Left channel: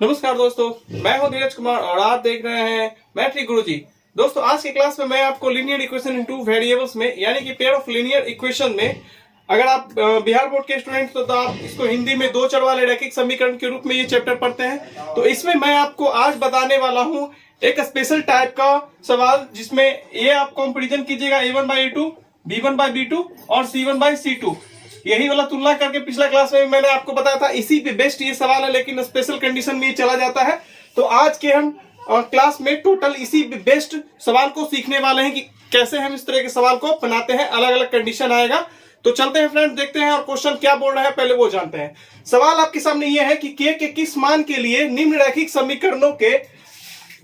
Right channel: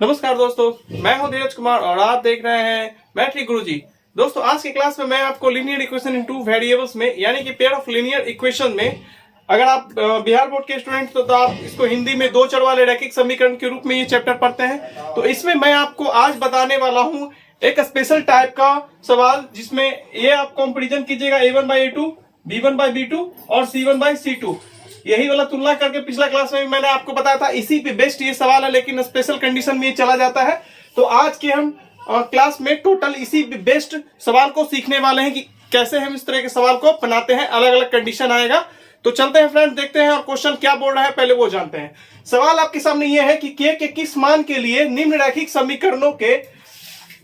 नमस्कार दोस्तों, मैं हूं धीरज कुमार और आप देख रहे हैं मैट्रिक गुरुजी। दोस्तों, आज की क्लास में मैं आपको linear equation in two variables में यानी कि पेयर ऑफ लीनियर इक्वेशन में, अगर आप बिहार बोर्ड के स्टूडेंट तो आप इसको हिंदी में दो चर वाले रैखिक समीकरण के रूप में ये चैप्टर पढ़ते हैं। तो इसमें मैं आपको आज बताने वाला हूं एक स्पेशल टाइप का सवाल, जिसमें ये आप कंपेरिजन कीजिएगा a1/a2, b1/b2 और c1/c2। यही वाला तुलना करके पिछला क्लास में मैंने आपको बताया था, इसी पे बेस्ट ये सवाल है, लेकिन स्पेशल कंडीशन में ये चला जाता है। तो आज के हम क्लास में टोटल इसी बेस्ट सवाल को सीखने वाले हैं कि कैसे हम इस तरह के सवाल को बनाते हैं, अलग अलग कंडीशन आएगा। तो चलते हैं फ्रेंड, देखते हैं और क्वेश्चन क्या बोल रहा है पहले वो जानते हैं। सवाल आपके सामने ये है कि के किस मान के लिए निम्न रैखिक समीकरणों के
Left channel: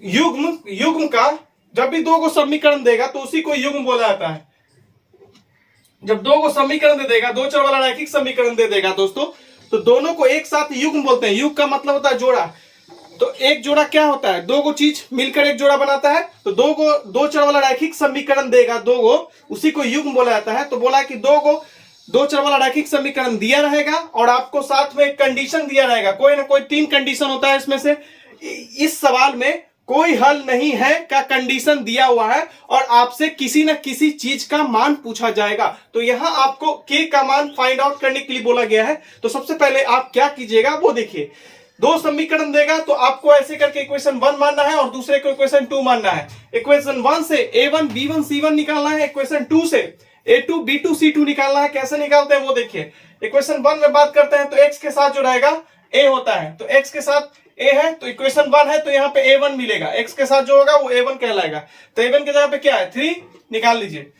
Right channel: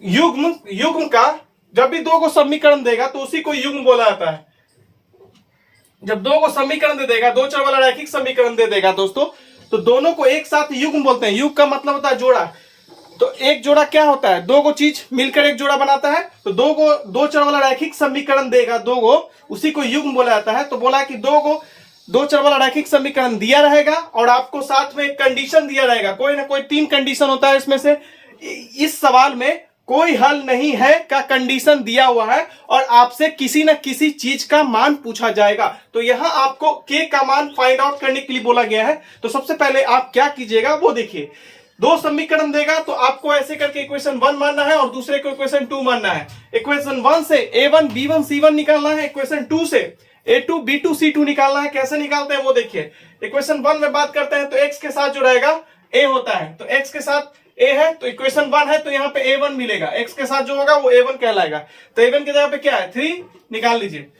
युग्म का, जब भी दो को समीकरण देगा तो उसी को युग्म बोला जाता है। जब दो को समीकरण दे देगा, दो चर वाला रैखिक समीकरण दे देगा दोस्तों, तो दोनों को एक साथ युग्म बोलते हैं। युग्म का मतलब होता है जोड़ा। तो एक जोड़ा क्या होता है? दो को चीज मिलकर एक जोड़ा बनाता है। तो दो चर वाला रैखिक समीकरण देगा दो को, उसी को युग्म बोला जाता है। तो बोला कि दो चर वाला रैखिक समीकरण दिया रहेगा और आपको साथ में एक कंडीशन दिया रहेगा। कोई ना कोई तीन कंडीशन होता है इसमें से। इस सवाल में कोई हल नहीं है का कंडीशन दिया हुआ है और आपसे किसी न किसी चीज का मान पूछा जाएगा। तो यहां आपको के का मान फाइंड आउट करने के लिए बोला गया है। तो सबसे पहले आप क्या कीजिएगा वो देखिए। दो समीकरण देगा तो आपको ऐसे करके इक्वेशन 1 मानना है और दूसरे को इक्वेशन 2 मानना है। इक्वेशन 1 से a1 b1 c1 निकालना है। इक्वेशन 2 से a2 b2 c2 निकालना है। कैसे निकालते हैं वो देखिए। इक्वेशन 1 में बात करते हैं तो x के साथ जो रहेगा a होता है, तो x के साथ a है, तो इक्वेशन 1 है तो यहाँ पे a1 मिलेगा। x के साथ जो होगा वो a1 कहलाएगा। तो a1 की जगह पे क्या है? 3 निकाल लीजिए।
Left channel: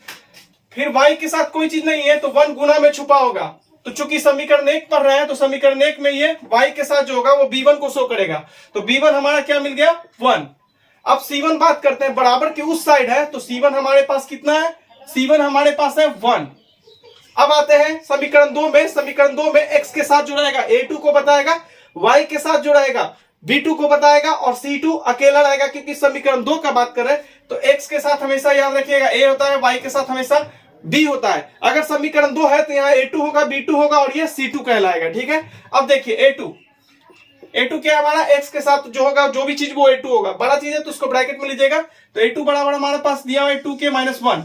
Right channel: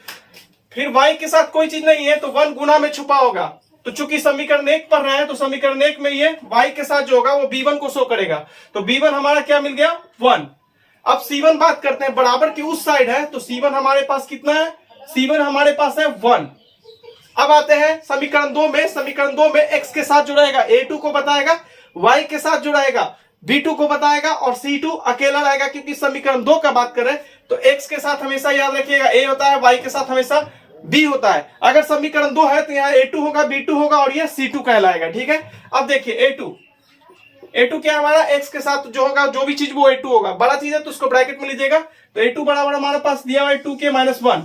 फिर y के साथ कोई चीज नहीं है तो 1 गुना में छुपा होगा। तो चूंकि समीकरण 1 पढ़ रहे हैं तो समीकरण 1 में ये y के साथ जो होगा वो b1 को शो करेगा। तो b1 हमारा क्या मिल गया? 1। अब c1 बात करते हैं, बराबर की उस साइड है तो c1 हमारे पास कितना है? c1 हमारे पास है 1। अब आते हैं समीकरण 2 में। समीकरण 2 में x के साथ जो रहेगा a2 को बताएगा, y के साथ जो रहेगा b2 को बताएगा और c2 अकेला रहेगा, क्योंकि समीकरण 2 का बात करें तो x के साथ हमेशा याद रखिएगा a होता है, y के साथ हमेशा b होता है। अगर समीकरण 2 है तो यहाँ a2 होगा, b2 होगा और ये c2 कहलाएगा। ठीक है। अब देखिए a2 क्या हमारा x के साथ जो होगा, जो भी चीज वो a2 होगा। बड़ा चीज है तो उसको ब्रैकेट में लीजिएगा। तो a2 बराबर हमारे पास दिया हुआ है 2k-1।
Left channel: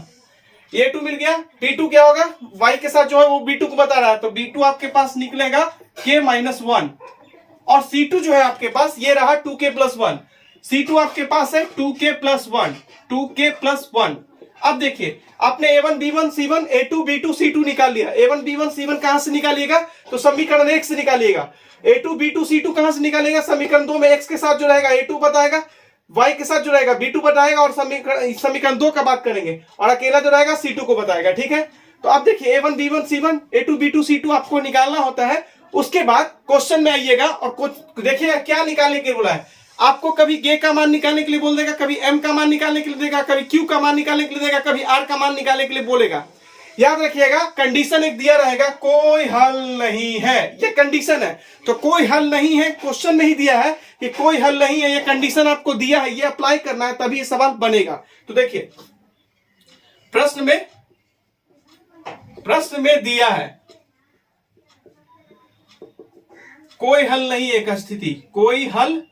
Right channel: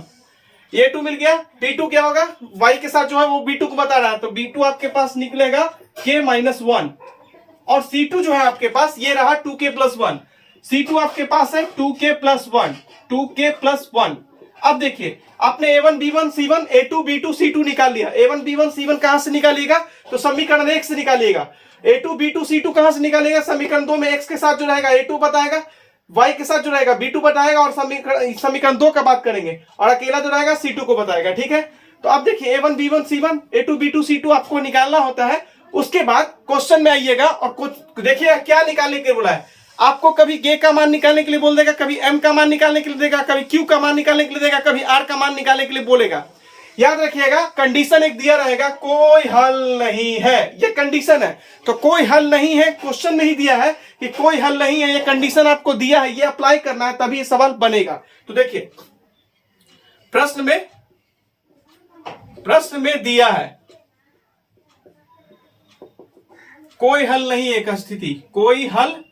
ये a2 मिल गया। b2 क्या होगा? y के साथ जो है वो b2 को बता रहा है, तो b2 आपके पास निकलेगा k-1 और c2 जो है आपके पास ये रहा 2k+1। c2 आपके पास है 2k+1। अब देखिए, आपने a1 b1 c1 a2 b2 c2 निकाल लिया। a1 b1 c1 कहां से निकालिएगा? तो समीकरण 1 से निकालिएगा। a2 b2 c2 कहां से निकालिएगा? समीकरण 2 में x के साथ जो रहेगा a2 बताएगा, y के साथ जो रहेगा b2 बताएगा और समीकरण 2 का बात करेंगे और अकेला जो रहेगा c2 को बताएगा। ठीक है। तो अब देखिए a1 b1 c1 a2 b2 c2 आपको निकालना होता है। उसके बाद क्वेश्चन में आइएगा और कुछ देखिए क्या निकालने के लिए बोला है आपको। कभी के का मान निकालने के लिए बोल देगा, कभी m का मान निकालने के लिए देगा, कभी q का मान निकालने के लिए देगा, कभी r का मान निकालने के लिए बोलेगा। याद रखिएगा, कंडीशन एक दिया रहेगा, कोई हल नहीं है, ये कंडीशन है। तो कोई हल नहीं है, क्वेश्चन नहीं दिया है कि कोई हल नहीं है, ये कंडीशन आपको दिया है, ये अप्लाई करना है तभी ये सवाल बनेगा। तो देखिए, प्रश्न में दिया है कोई हल नहीं, एक स्थिति, कोई हल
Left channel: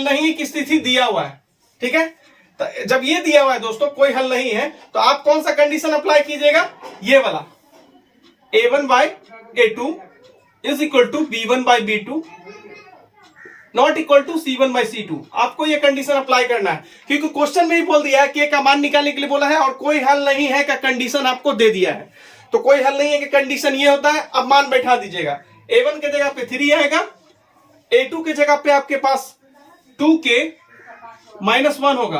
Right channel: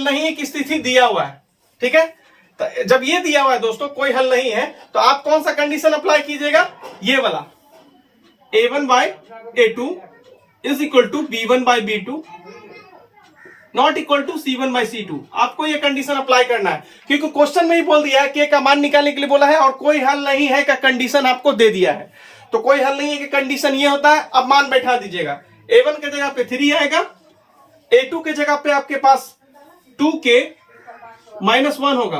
नहीं की स्थिति दिया हुआ है। ठीक है। तो जब ये दिया हुआ है दोस्तों, कोई हल नहीं है, तो आप कौन सा कंडीशन अप्लाई कीजिएगा? ये वाला a1/a2 is equal to b1/b2 not equal to c1/c2। आपको ये कंडीशन अप्लाई करना है, क्योंकि क्वेश्चन में ही बोल दिया है कि का मान निकालने के लिए बोला है और कोई हल नहीं है का कंडीशन आपको दे दिया है। तो कोई हल नहीं है कि कंडीशन ये होता है। अब मान बैठा दीजिएगा। a1 के जगह पे 3 आएगा, a2 के जगह पे आपके पास 2k-1 होगा।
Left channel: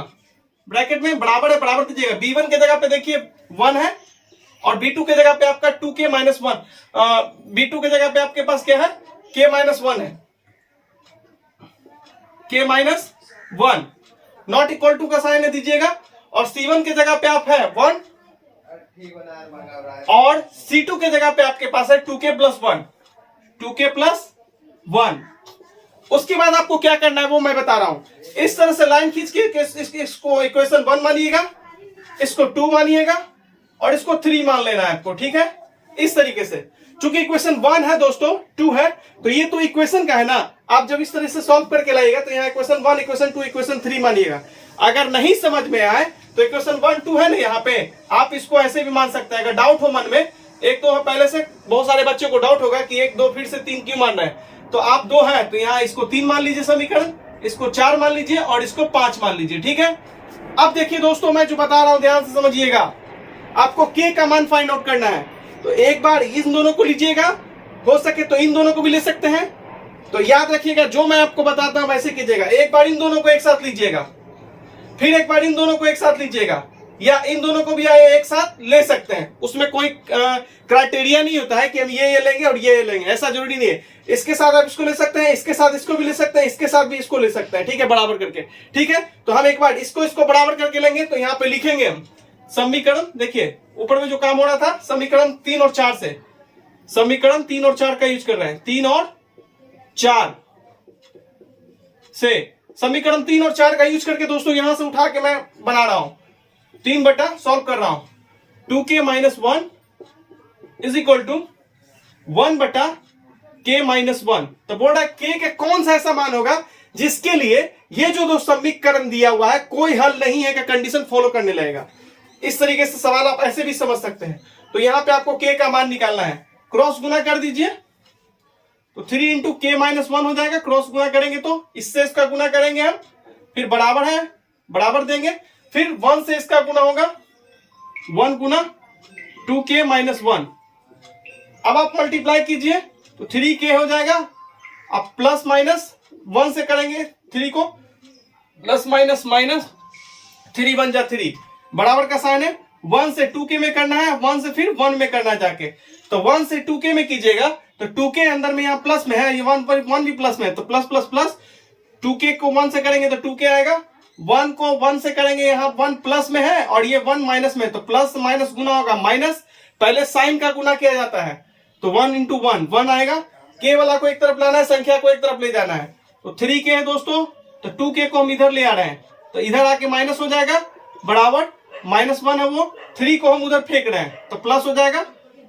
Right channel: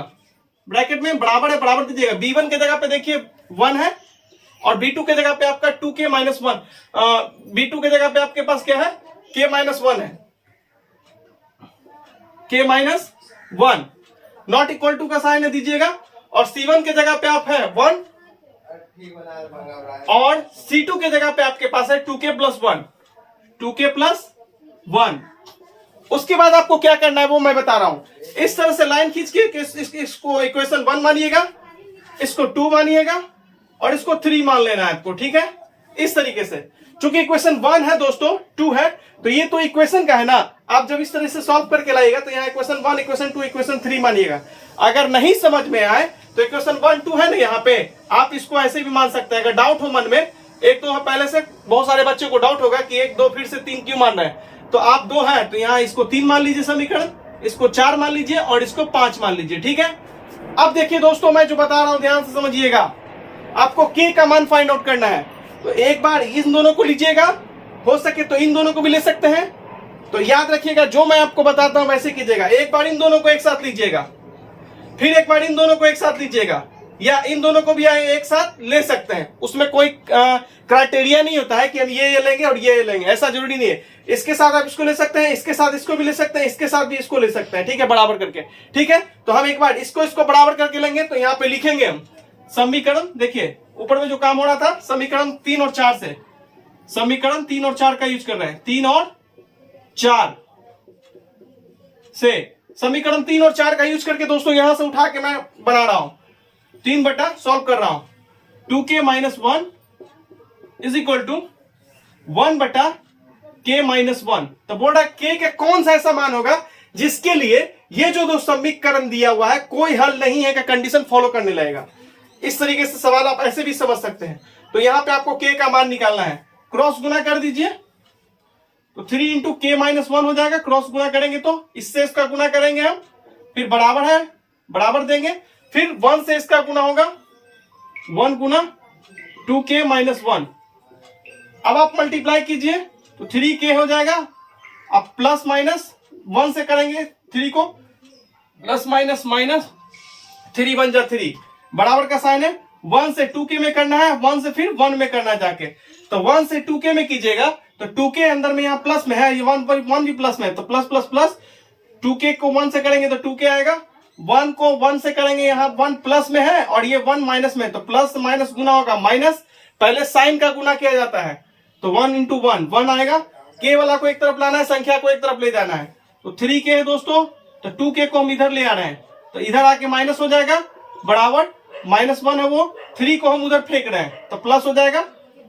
ब्रैकेट में बराबर है, बराबर दीजिएगा। b1 के जगह पे देखिए 1 है और b2 के जगह पे आपका 2k-1। b2 के जगह पे आपके पास क्या है? k-1 है, k-1 नॉट इक्वल टू का साइन दीजिएगा और c1 के जगह पे आप है 1 और c2 के जगह पे आपके पास है 2k+1। उसके बाद आपको क्या करना है वो मैं बता रहा हूं। इस तरह से लाइन खींच के इसको इक्वेशन 1 मानिएगा, इसको 2 मानिएगा और इसको 3 मान लेना है आपको। ठीक है। इस तरीके से चूंकि इक्वेशन 1 है दोस्तों, 2 है, तो ये तो इक्वेशन का है ना। आप जब इस तरह से सॉल्व करके लाइएगा तो यहाँ इक्वेशन 1, इक्वेशन 2, इक्वेशन 3 मानिएगा। अगर नहीं समझ में आए तो इक्वेशन 1, 2 है ना यहाँ पे, आप इसको ऐसे भी मान सकते हैं। अगर डाउट हो मन में, एक तो पहले से बहुत सारे बच्चों को डाउट होगा कि 1, 2 फिर से 3 क्यों मान रहे हैं, तो आप 2 है तो यहाँ इसको 3 मान लीजिए समीकरण, इसको 4 मान लीजिए और इसको 5 मान लीजिए, ठीक है। अब देखिए दोस्तों, मैं जो बता रहा हूं ध्यान से समझिएगा। आपको के का मान फाइंड आउट करना है, तो एक बार इन दोनों को लीजिएगा, हो सके तो इन दोनों को भी ले सकते हैं। तो याद रखिएगा, जो मैं आपको बताता हूं वैसे कीजिएगा। एक बार इन दोनों को एक साथ लीजिएगा, फिर एक बार इन दोनों को एक साथ लीजिएगा, या इन दोनों को भी एक साथ ले सकते हैं। उसमें कोई क्राइटेरिया नहीं होता है कि हम ये लेंगे और ये लेंगे, ऐसा जरूरी नहीं है। इसके साथ आप इसको ले सकते हैं, इसके साथ इसको भी ले सकते हैं, इसके साथ भी इसको ले सकते हैं, ठीक है, बराबर करके। ठीक है, तो हम एक बार इसको बराबर करके लेंगे, तो यहाँ पे लिखेंगे हम समीकरण। देखिए ऊपर में जो काम हो रहा था, समीकरण 3 और 4 से, समीकरण 3 और 4 का यूज कर रहे हैं। 3 और 4 से, समीकरण 3 और 4 का यूज करके दोस्तों यहां से उठा के मैं बना रहा हूं, 3 बटा सॉल्व कर रहा हूं। 2k minus 1 is equal to 1 बटा k माइनस 1। तो बोल रहा है k के कौन सा ऐसा मान होगा जिसके लिए ये जो दो समीकरण दिया हुआ है कोई हल नहीं है का कंडीशन फॉलो करने लगेगा। इस तरीके से सवाल आप ऐसे भी समझ सकते हैं। तो यहां पे आपको k का मान निकालना है, क्रॉस गुना कर दीजिए, तो 3 इंटू के माइनस 1 हो जाएगा। क्रॉस गुना करेंगे तो इससे इसका गुना करेंगे हम, फिर बराबर है, बराबर देंगे, फिर 1 से इसका गुना होगा, 1 गुना 2k माइनस 1। अब आप मल्टीप्लाई कीजिए तो 3k हो जाएगा। अब प्लस माइनस 1 से करेंगे 3 को, प्लस माइनस माइनस 3 बन जा 3, बराबर का साइन है। 1 से 2k में करना है, 1 से फिर 1 में करना है जाके, तो 1 से 2k में कीजिएगा तो 2k अंदर में यहाँ प्लस में है, ये 1 भी प्लस में है, तो प्लस प्लस प्लस, 2k को 1 से करेंगे तो 2k आएगा, 1 को 1 से करेंगे, यहाँ 1 प्लस में है और ये 1 माइनस में, तो प्लस माइनस गुना होगा माइनस, पहले साइन का गुना किया जाता है, तो 1 इंटू 1 1 आएगा। k वाला को एक तरफ लाना है, संख्या को एक तरफ ले जाना है, तो 3k है दोस्तों, तो 2k को हम इधर ले आ रहे हैं, तो इधर आके माइनस हो जाएगा, बराबर माइनस 1 है वो, 3 को हम उधर फेंक रहे हैं तो प्लस हो जाएगा,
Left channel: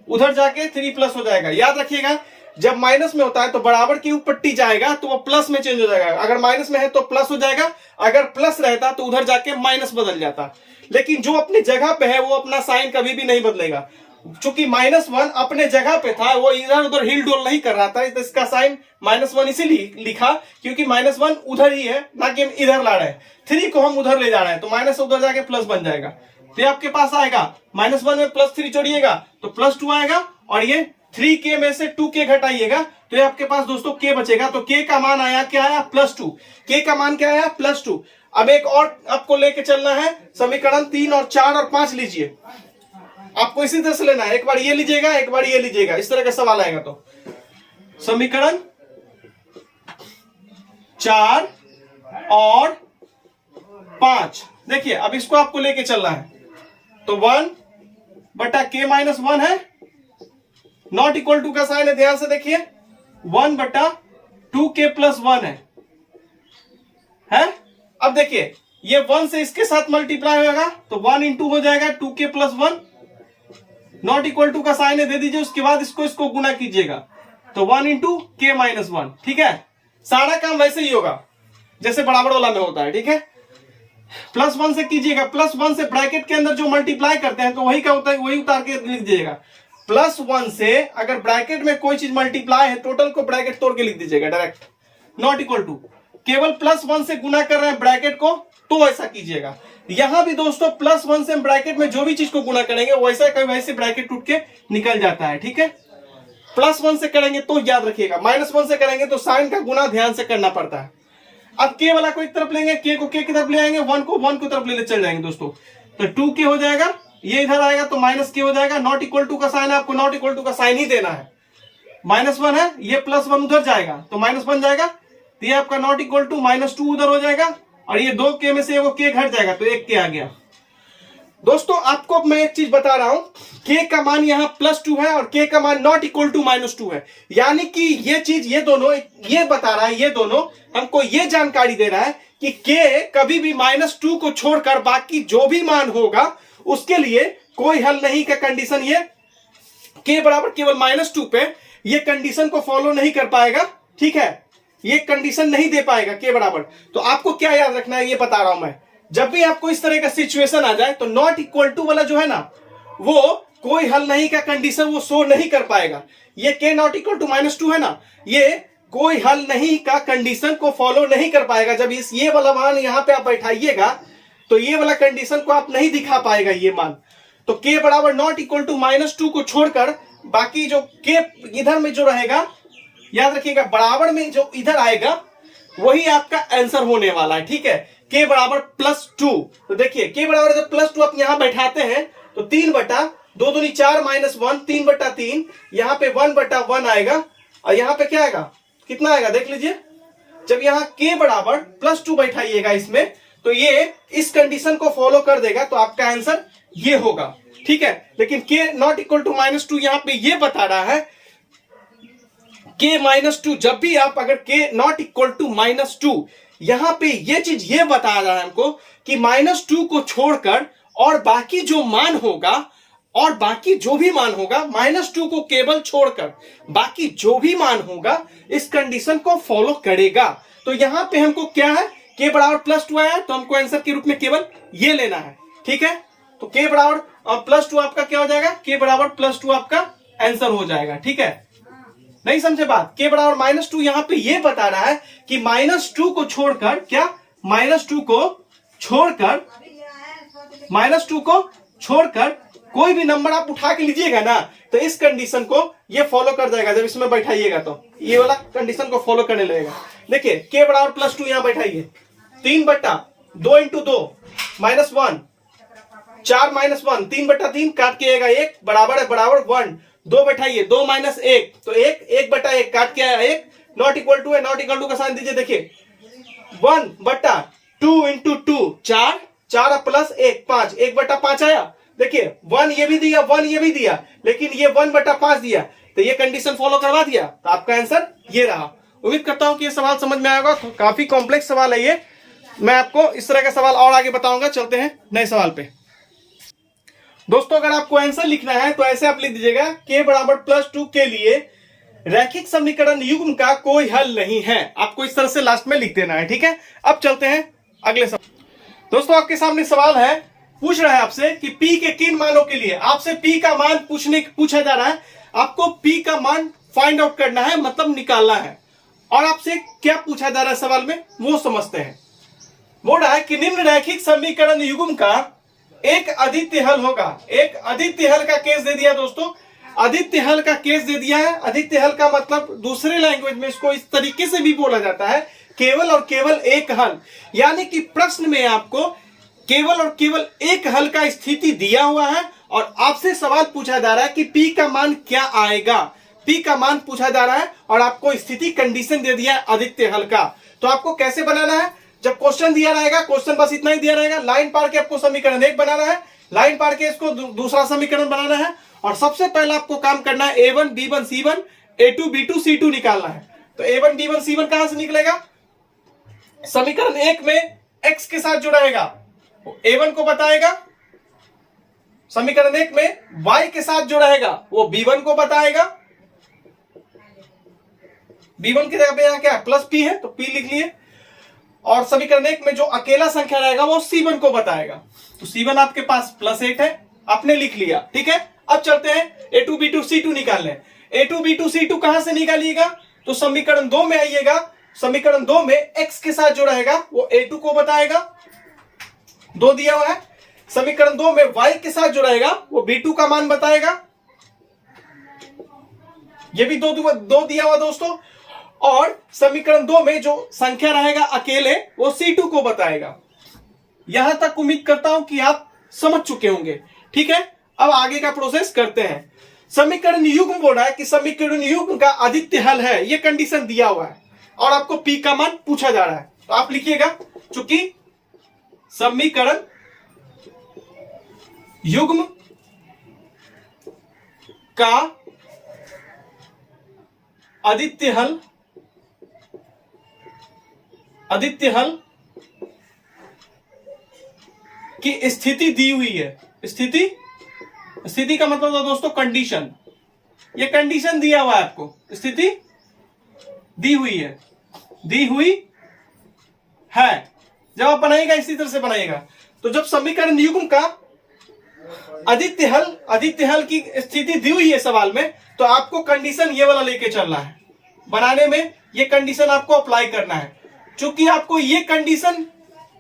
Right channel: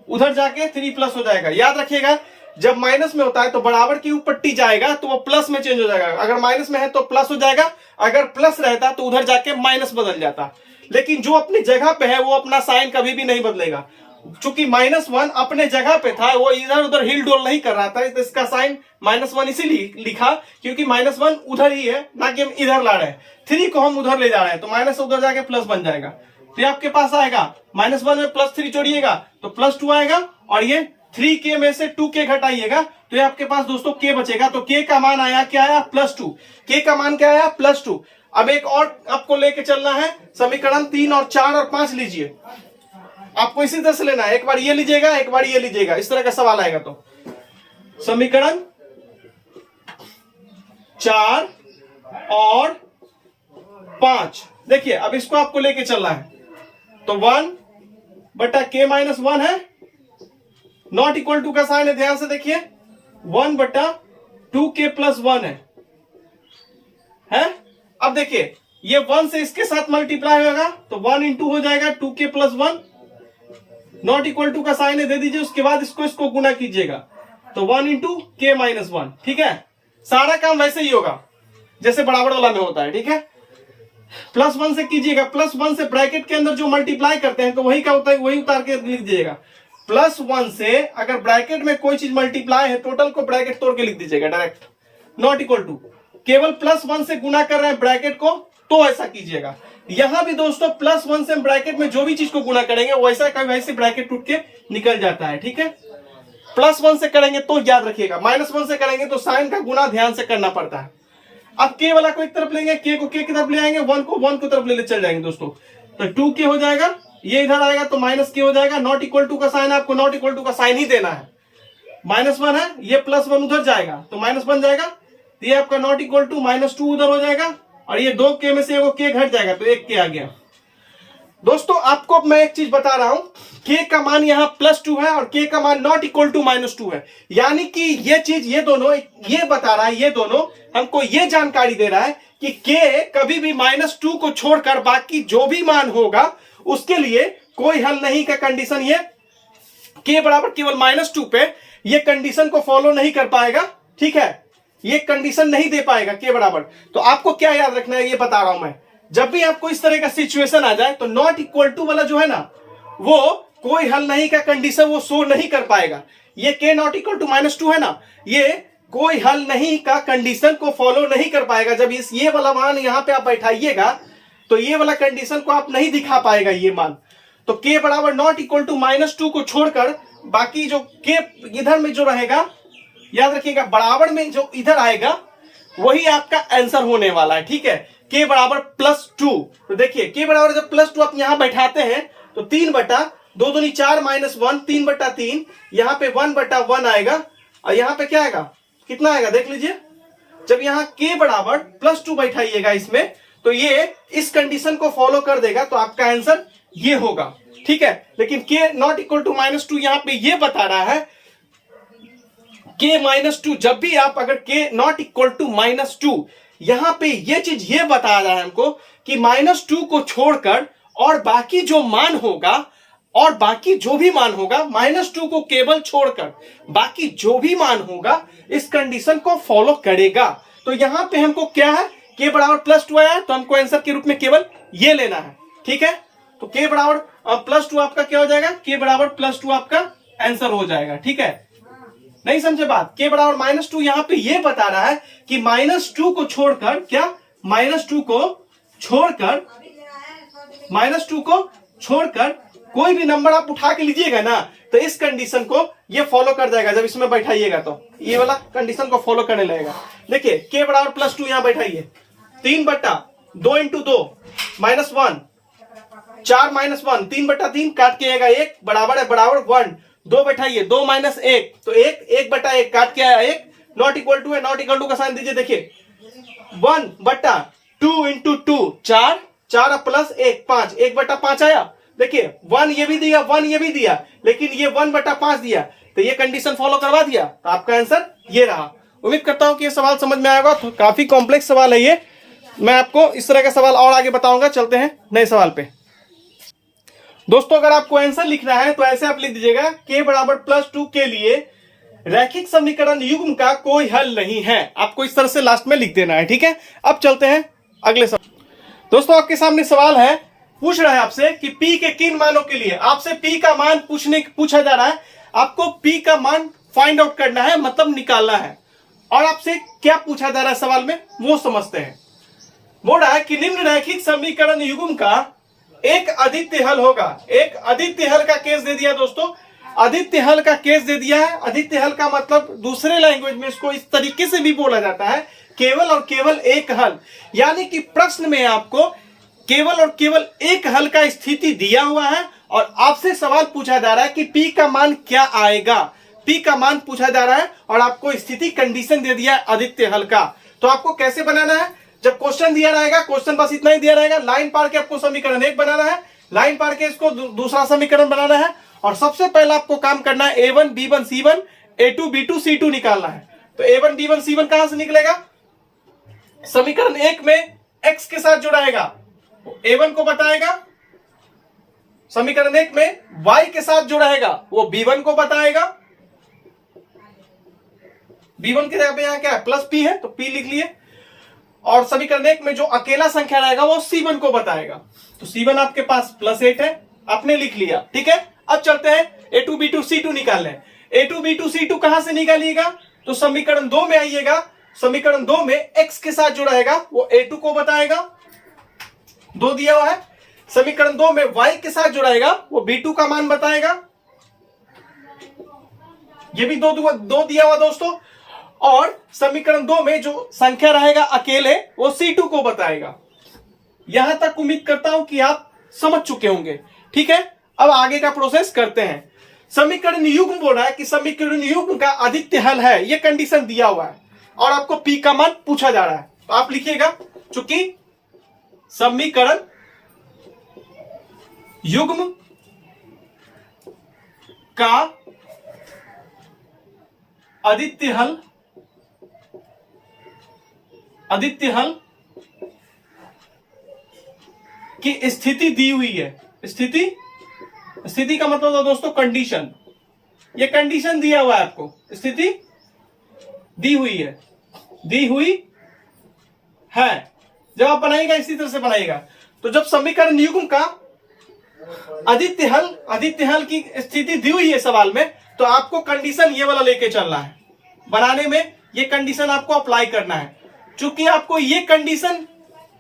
उधर जाके 3 प्लस हो जाएगा। याद रखिएगा, जब माइनस में होता है तो बराबर की ऊपर टी जाएगा तो वो प्लस में चेंज हो जाएगा। अगर माइनस में है तो प्लस हो जाएगा, अगर प्लस रहता तो उधर जाके माइनस बदल जाता। लेकिन जो अपनी जगह पे है वो अपना साइन कभी भी नहीं बदलेगा। चूंकि -1 अपने जगह पे था, वो इधर उधर हिल डोल नहीं कर रहा था, तो इसका साइन -1 इसीलिए लिखा क्योंकि -1 उधर ही है, ना कि हम इधर ला रहे हैं। 3 को हम उधर ले जा रहे हैं तो माइनस उधर जाके प्लस बन जाएगा। तो ये आपके पास आएगा -1 में +3 जोड़िएगा तो +2 आएगा, और ये 3k में से 2k घटाइएगा तो ये आपके पास दोस्तों k बचेगा। तो k का मान आया क्या आया, +2। k का मान क्या आया, +2। अब एक और आपको लेके चलना है, समीकरण 3 और 4 और 5 लीजिए। आपको इसी तरह से लेना है, एक बार ये लीजिएगा, एक बार ये लीजिएगा, इस तरह का सवाल आएगा। तो समीकरण 4 और 5 देखिए, अब इसको आपको लेके चलना है, तो 1 बटा k माइनस 1 है, नॉट इक्वल टू का साइन है, ध्यान से देखिए, 1 बटा 2k प्लस 1 है। अब देखिए ये 1 से इसके साथ मल्टीप्लाई होगा तो 1 इंटू हो जाएगा 2k plus 1, not equal to का साइन है दे दीजिए, उसके बाद इसको गुना कीजिएगा तो 1 इंटू k माइनस 1। ठीक है, सारा काम वैसे ही होगा जैसे बराबर वाला में होता है। ठीक है, +1 से कीजिएगा, +1 से ब्रैकेट के अंदर जो मल्टीप्लाई करते हैं तो वही का होता है, वही उतार के लिख दीजिएगा। +1 से अगर ब्रैकेट में कोई चीज मल्टीप्लाई है, टोटल को ब्रैकेट तोड़ के लिख दीजिएगा डायरेक्ट, नॉट इक्वल टू। केवल +1 से गुना कर रहे हैं ब्रैकेट को तो ऐसा कीजिएगा। यहां भी दोस्तों +1 से ब्रैकेट में जो भी चीज को गुना करेंगे वैसा का वैसे ब्रैकेट टूट के निकल जाता है। ठीक है, +1 से करेंगे तो याद रखिएगा, -1 से करेंगे तो साइन का गुना ध्यान से करना पड़ता है। अब k वाला को एक तरफ लेंगे, k को k की तरफ ले आएंगे, 1 को 1 की तरफ ले चल जाएंगे दोस्तों, तो 2k हो जाएगा, ये इधर आएगा तो -k हो जाएगा। नॉट इक्वल टू का साइन है, आपको नॉट इक्वल टू का साइन ही देना है। -1 है, ये +1 उधर जाएगा तो माइनस बन जाएगा, तो ये आपका नॉट इक्वल टू -2 उधर हो जाएगा, और ये 2k में से वो k घट जाएगा तो 1k आ गया। दोस्तों आपको मैं एक चीज बता रहा हूं, k का मान यहाँ +2 है और k का मान नॉट इक्वल टू -2 है, यानी कि ये चीज, ये दोनों ये बता रहा है, ये दोनों हमको ये जानकारी दे रहा है कि k कभी भी -2 को छोड़कर बाकी जो भी मान होगा उसके लिए कोई हल नहीं का कंडीशन ये k बराबर केवल -2 पे ये कंडीशन को फॉलो नहीं कर पाएगा, ठीक है, ये कंडीशन नहीं दे पाएगा k बराबर। तो आपको क्या याद रखना है ये बता रहा हूं मैं, जब भी आपको इस तरह का सिचुएशन आ जाए तो नॉट इक्वल टू वाला जो है ना वो कोई हल नहीं का कंडीशन वो शो नहीं कर पाएगा। ये k नॉट इक्वल टू -2 है ना, ये कोई हल नहीं का कंडीशन को फॉलो नहीं कर पाएगा। जब ये वाला मान यहां पे आप बैठाइएगा तो ये वाला कंडीशन को आप नहीं दिखा पाएगा ये मान। तो k बराबर नॉट इक्वल टू -2 को छोड़कर बाकी जो k इधर में जो रहेगा, याद रखिएगा बराबर में जो इधर आएगा वही आपका आंसर होने वाला है, ठीक है। k बराबर +2, तो देखिए k बराबर जब +2 आप यहां बैठाते हैं तो 3/2 दूनी 4 -1 3/3, यहां पे 1/1 आएगा और यहां पे क्या आएगा, कितना आएगा देख लीजिए। जब यहाँ k बराबर +2 बैठाइएगा इसमें तो ये इस कंडीशन को फॉलो कर देगा, तो आपका आंसर ये होगा, ठीक है। लेकिन k नॉट इक्वल टू -2 यहां पे ये बता रहा है k -2, जब भी आप अगर k नॉट इक्वल टू -2 यहां पे ये चीज ये बता रहा है हमको कि -2 को छोड़कर और बाकी जो मान होगा और बाकी जो भी मान होगा -2 को केवल छोड़कर बाकी जो भी मान होगा इस कंडीशन को फॉलो करेगा। तो यहां पे हमको क्या है, k बराबर +2 आया तो हमको आंसर के रूप में केवल ये लेना है, ठीक है। तो k बराबर +2 आपका क्या हो जाएगा, k बराबर +2 आपका आंसर हो जाएगा, ठीक है। नहीं समझे बात, k बराबर -2 यहां पे ये बता रहा है कि -2 को छोड़कर क्या, -2 को छोड़कर कोई भी नंबर आप उठा के लीजिएगा ना तो इस कंडीशन को ये फॉलो कर जाएगा। जब इसमें बैठाइएगा तो ये वाला कंडीशन को फॉलो करने लगेगा। देखिए k बराबर +2 यहां बैठाइए, 3/2 × 2 -1 4 -1 3/3 काट के आएगा 1 बराबर है बराबर 1, 2 बैठाइए 2 - 1 तो 1 काट के आया 1, नॉट इक्वल टू है, नॉट इक्वल टू का साइन दीजिए। देखिए 1/2 × 2 4 4 + 1 5 1/5 आया। देखिए 1 ये भी दिया 1 ये भी दिया, लेकिन ये 1/5 दिया तो ये कंडीशन फॉलो करवा दिया, तो आपका आंसर ये रहा। उम्मीद करता हूं कि ये सवाल समझ में आएगा। तो काफी कॉम्प्लेक्स सवाल है ये, मैं आपको इस तरह का सवाल और आगे बताऊंगा। चलते हैं नए सवाल पे। दोस्तों अगर आपको आंसर लिखना है तो ऐसे आप लिख दीजिएगा k बराबर +2 के लिए रैखिक समीकरण युग्म का कोई हल नहीं है। आपको इस तरह से लास्ट में लिख देना है, ठीक है। अब चलते हैं अगले सवाल। दोस्तों आपके सामने सवाल है, पूछ रहा है आपसे कि p के किन मानों के लिए, आपसे p का मान पूछा जा रहा है। आपको p का मान फाइंड आउट करना है, मतलब निकालना है। और आपसे क्या पूछा जा रहा है सवाल में वो समझते हैं। बोल रहा है कि निम्न रैखिक समीकरण युग्म का एक अद्वितीय हल होगा। एक अद्वितीय हल का केस दे दिया दोस्तों, अद्वितीय हल का केस दे दिया है। अद्वितीय हल का मतलब दूसरे लैंग्वेज में इसको इस तरीके से भी बोला जाता है, केवल और केवल एक हल। यानी कि प्रश्न में आपको केवल और केवल एक हल का स्थिति दिया हुआ है और आपसे सवाल पूछा जा रहा है कि p का मान क्या आएगा। p का मान पूछा जा रहा है और आपको स्थिति कंडीशन दे दिया है अद्वितीय हल का। तो आपको कैसे बनाना है, जब क्वेश्चन दिया रहेगा, क्वेश्चन बस इतना ही दिया रहेगा, लाइन पार के आपको समीकरण 1 बनाना है, लाइन पार के इसको दूसरा समीकरण बनाना है। और सबसे पहले आपको काम करना है a1 b1 c1 a2 b2 c2 निकालना है। तो a1 b1 c1 कहां से निकलेगा, समीकरण 1 में x के साथ जुड़ाएगा, a1 को बताएगा। समीकरण 1 में y के साथ जुड़ाएगा, वो b1 को बताएगा। b1 के जगह पे यहां क्या है, +p है तो p लिख लिए। और समीकरण 1 में जो अकेला संख्या रहेगा वो c1 को बताएगा। तो c1 आपके पास +8 है, आपने लिख लिया, ठीक है। अब चलते हैं a2 b2 c2 निकालने। a2 b2 c2 कहां से निकालिएगा, तो समीकरण 2 में आइएगा। समीकरण 2 में x के साथ जो रहेगा वो a2 को बताएगा, 2 दिया हुआ है। समीकरण 2 में y के साथ जो रहेगा वो b2 का मान बताएगा, ये भी 2 दिया हुआ दोस्तों। और समीकरण 2 में जो संख्या रहेगा अकेले वो c2 को बताएगा। यहां तक उम्मीद करता हूं कि आप समझ चुके होंगे, ठीक है। अब आगे का प्रोसेस करते हैं। समीकरण युग्म बोल रहा है कि समीकरण युग्म का अद्वितीय हल है, ये कंडीशन दिया हुआ है और आपको p का मान पूछा जा रहा है। तो आप लिखिएगा, चूंकि समीकरण युग्म का अद्वितीय हल की स्थिति दी हुई है। स्थिति का मतलब है दोस्तों कंडीशन, ये कंडीशन दिया हुआ है आपको, स्थिति दी हुई है, दी हुई है। जब आप बनाइएगा इसी तरह से बनाइएगा। तो जब समीकरण युग्म का आदित्य हल की स्थिति दी हुई है सवाल में, तो आपको कंडीशन ये वाला लेके चलना है। बनाने में ये कंडीशन आपको अप्लाई करना है। चूंकि आपको ये कंडीशन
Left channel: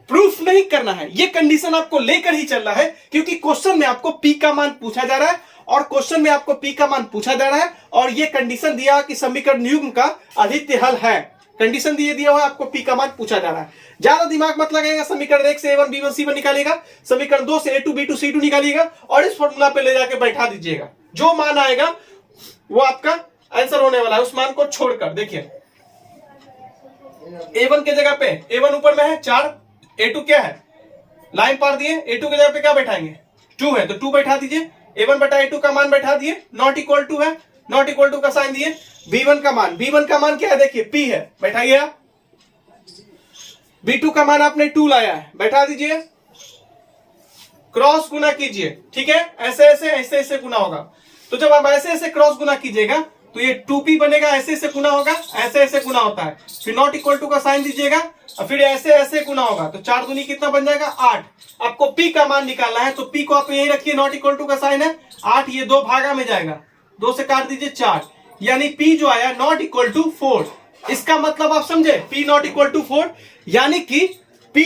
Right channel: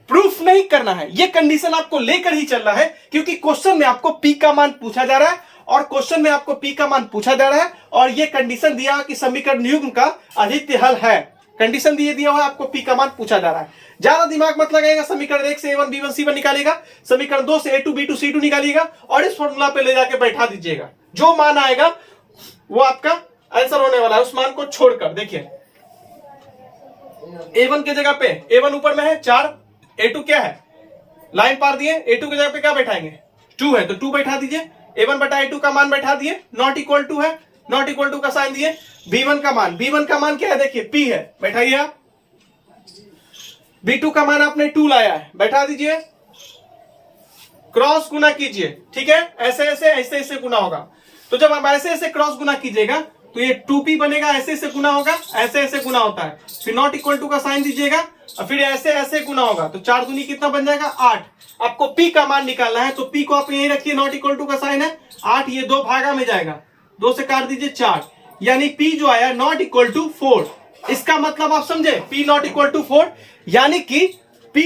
प्रूफ नहीं करना है, ये कंडीशन आपको लेकर ही चलना है, क्योंकि क्वेश्चन में आपको पी का मान पूछा जा रहा है, और क्वेश्चन में आपको पी का मान पूछा जा रहा है, और ये कंडीशन दिया कि समीकरण युग्म का आदित्य हल है। कंडीशन दिया हुआ है, आपको पी का मान पूछा जा रहा है। ज्यादा दिमाग मत लगाएगा। समीकरण 1 से A1 B1 C1 निकालिएगा, समीकरण 2 से A2 B2 C2 निकालिएगा, और इस फॉर्मूला पे ले जाके बैठा दीजिएगा। जो मान आएगा वो आपका आंसर होने वाला है, उस मान को छोड़कर। देखिए A1 के जगह पे A1 ऊपर में है 4, A2 क्या है, लाइन पार दिए, A2 की जगह पे क्या बैठाएंगे, 2 है, तो 2 बैठा दीजिए। A1 बटा A2 का मान बैठा दिए, नॉट इक्वल टू है, नॉट इक्वल टू का साइन दिए। B1 का मान क्या है, देखिए P है, बैठाइए आप। B2 का मान आपने 2 लाया है, बैठा दीजिए। क्रॉस गुना कीजिए, ठीक है, ऐसे ऐसे ऐसे ऐसे गुना होगा। तो जब आप ऐसे ऐसे क्रॉस गुना कीजिएगा तो ये 2p बनेगा, ऐसे ऐसे गुना होगा, ऐसे ऐसे गुना होता है। फिर नॉट इक्वल टू का साइन दीजिएगा, और फिर ऐसे ऐसे गुना होगा, तो 4 दूनी कितना बन जाएगा, 8। आपको p का मान निकालना है, तो p को आप यही रखिए, नॉट इक्वल टू का साइन है 8, ये 2 भागा में जाएगा, 2 से काट दीजिए 4, यानी p जो आया नॉट इक्वल टू 4। इसका मतलब आप समझे, p नॉट इक्वल टू 4, यानी कि p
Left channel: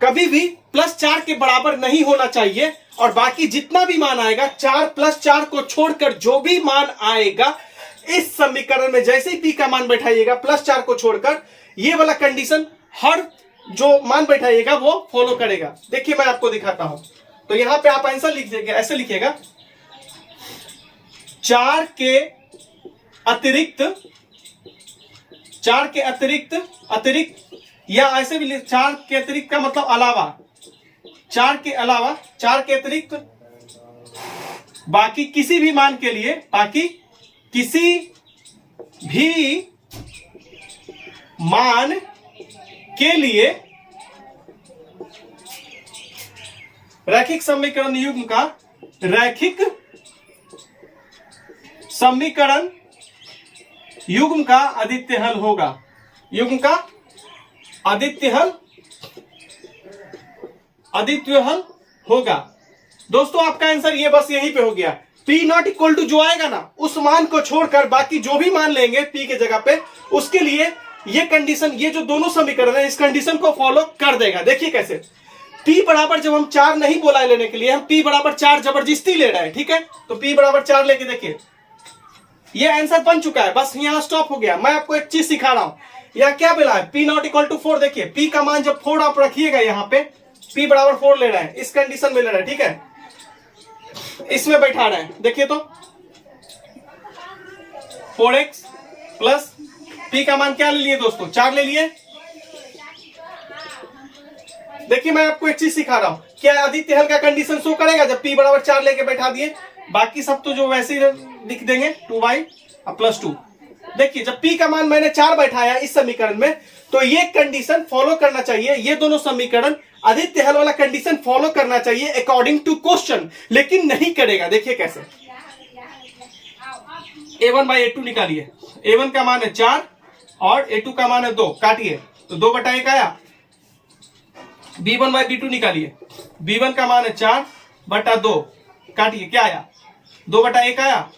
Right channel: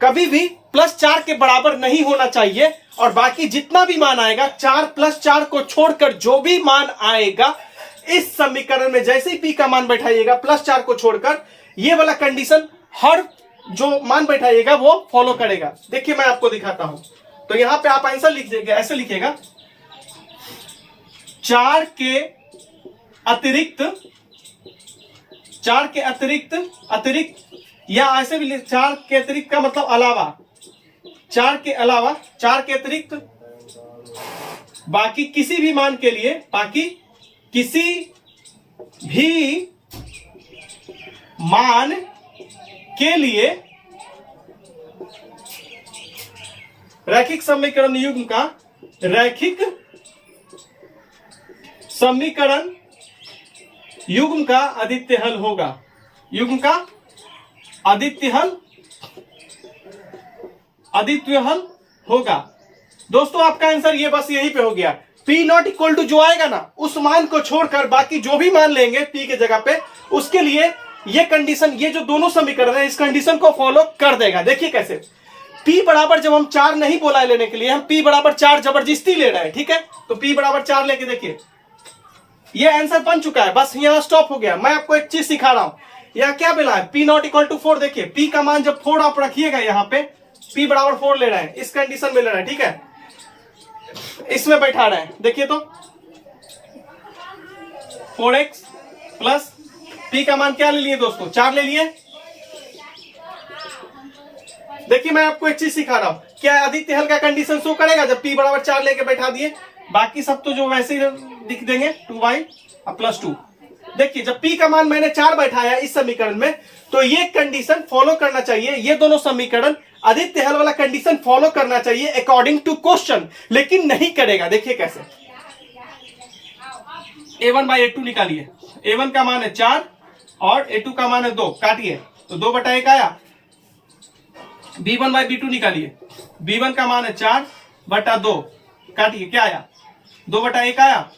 कभी भी +4 के बराबर नहीं होना चाहिए। और बाकी जितना भी मान आएगा, 4 + 4 को छोड़कर जो भी मान आएगा इस समीकरण में, जैसे ही p का मान बैठाइएगा +4 को छोड़कर, ये वाला कंडीशन हर जो मान बैठाइएगा वो फॉलो करेगा। देखिए मैं आपको दिखाता हूं। तो यहां पे आप आंसर लिख देंगे, ऐसे लिखिएगा, 4 के अतिरिक्त या ऐसे भी 4 के अतिरिक्त का मतलब अलावा, 4 के अतिरिक्त बाकी किसी भी मान के लिए, बाकी किसी भी मान के लिए रैखिक समीकरण युग्म का आदित्य हल होगा। युग्म का आदित्य हल होगा। दोस्तों आपका आंसर ये बस यहीं पे हो गया। p नॉट इक्वल टू जो आएगा ना, उस मान को छोड़कर बाकी जो भी मान लेंगे p के जगह पे, उसके लिए ये कंडीशन, ये जो दोनों समीकरण है, इस कंडीशन को फॉलो कर देगा। देखिए कैसे, p बराबर, जब हम 4 नहीं बोला लेने के लिए, हम p बराबर 4 जबरदस्ती ले रहे हैं, ठीक है, तो p बराबर 4 लेके देखिए, ये आंसर बन चुका है। बस यहां स्टॉप हो गया। मैं आपको एक चीज सिखा रहा हूं, यह क्या मिला है, p नॉट इक्वल टू 4। देखिए p का मान जब 4 आप रखिएगा, यहाँ पे p बराबर 4 ले रहे हैं, इस कंडीशन में ले रहे हैं, ठीक है, इसमें बैठा रहे हैं। देखिए तो 4x प्लस p का मान क्या ले लिए दोस्तों, 4 ले लिए। देखिए मैं आपको एक चीज सिखा रहा हूं, क्या आदित्य हल का कंडीशन शो करेगा जब p बराबर 4 लेके बैठा दिए, बाकी सब तो जो वैसे ही लिख देंगे 2y प्लस 2। देखिए जब p का मान मैंने 4 बैठाया इस समीकरण में, तो ये कंडीशन फॉलो करना चाहिए, ये दोनों समीकरण आदित्य हल वाला कंडीशन फॉलो करना चाहिए अकॉर्डिंग टू क्वेश्चन, लेकिन नहीं करेगा। देखिए कैसे, a1/a2 निकालिए, a1 का मान है 4 और a2 का मान है 2, काटिए, तो 2/1 आया। b1/b2 निकालिए, b1 का मान है 4/2, काटिए, क्या आया, 2/1 आया।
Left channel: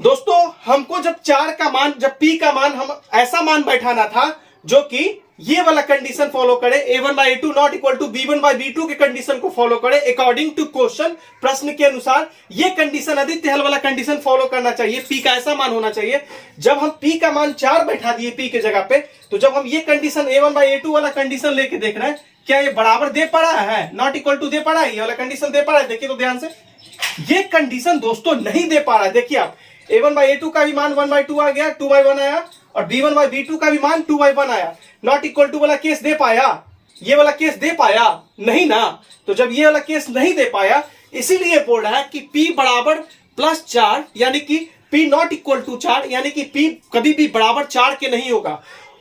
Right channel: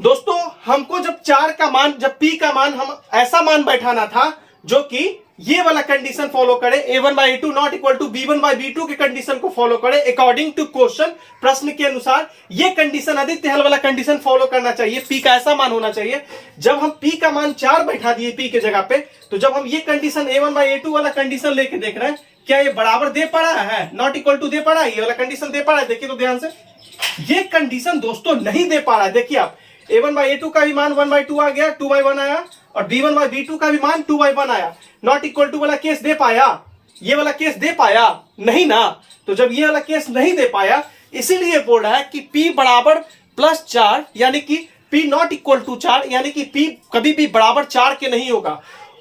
दोस्तों हमको जब 4 का मान, जब p का मान, हम ऐसा मान बैठाना था जो कि ये वाला कंडीशन फॉलो करे, a1/a2 not equal to b1/b2 के कंडीशन को फॉलो करे अकॉर्डिंग टू क्वेश्चन, प्रश्न के अनुसार। ये कंडीशन आदित्य हल वाला कंडीशन फॉलो करना चाहिए, p का ऐसा मान होना चाहिए। जब हम p का मान 4 बैठा दिए p के जगह पे, तो जब हम ये कंडीशन a1/a2 वाला कंडीशन लेके देख रहे हैं, क्या ये बराबर दे पा रहा है, नॉट इक्वल टू दे पा रहा है, ये वाला कंडीशन दे पा रहा है। देखिए तो ध्यान से, ये कंडीशन दोस्तों नहीं दे पा रहा है। देखिए आप, a1/a2 का भी मान 1/2 आ गया, 2/1 आया, और b1/b2 का भी मान 2/1 आया। नॉट इक्वल टू वाला केस दे पाया, ये वाला केस दे पाया नहीं ना। तो जब ये वाला केस नहीं दे पाया, इसीलिए बोल रहा है कि p बराबर +4, यानी कि p नॉट इक्वल टू 4, यानी कि p कभी भी बराबर 4 के नहीं होगा।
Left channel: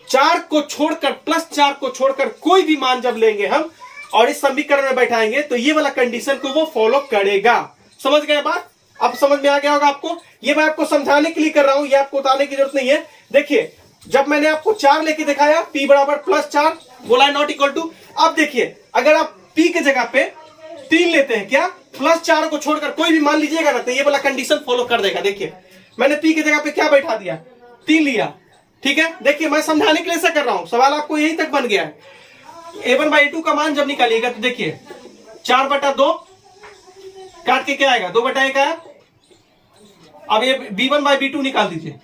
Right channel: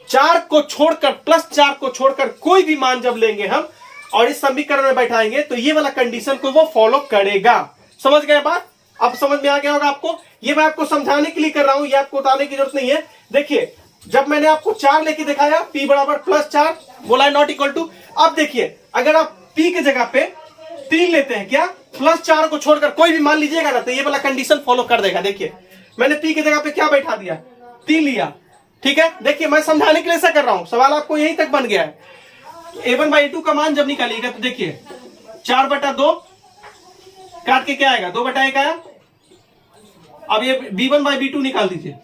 4 को छोड़कर, +4 को छोड़कर कोई भी मान जब लेंगे हम और इस समीकरण में बैठाएंगे, तो ये वाला कंडीशन को वो फॉलो करेगा। समझ गए बात? अब समझ में आ गया होगा आपको। ये मैं आपको समझाने के लिए कर रहा हूं, ये आपको बताने की जरूरत नहीं है। देखिए जब मैंने आपको 4 लेके दिखाया, p बराबर +4 बोला है नॉट इक्वल टू। अब देखिए अगर आप p के जगह पे 3 लेते हैं, क्या +4 को छोड़कर कोई भी मान लीजिएगा ना, तो ये वाला कंडीशन फॉलो कर देगा। देखिए मैंने p के जगह पे क्या बैठा दिया, 3 लिया, ठीक है। देखिए मैं समझाने के लिए ऐसा कर रहा हूं, सवाल आपको यहीं तक बन गया है। a1/a2 का मान जब निकालिएगा तो देखिए 4/2 काट के क्या आएगा, 2/1 आया। अब ये b1/b2 निकाल दीजिए,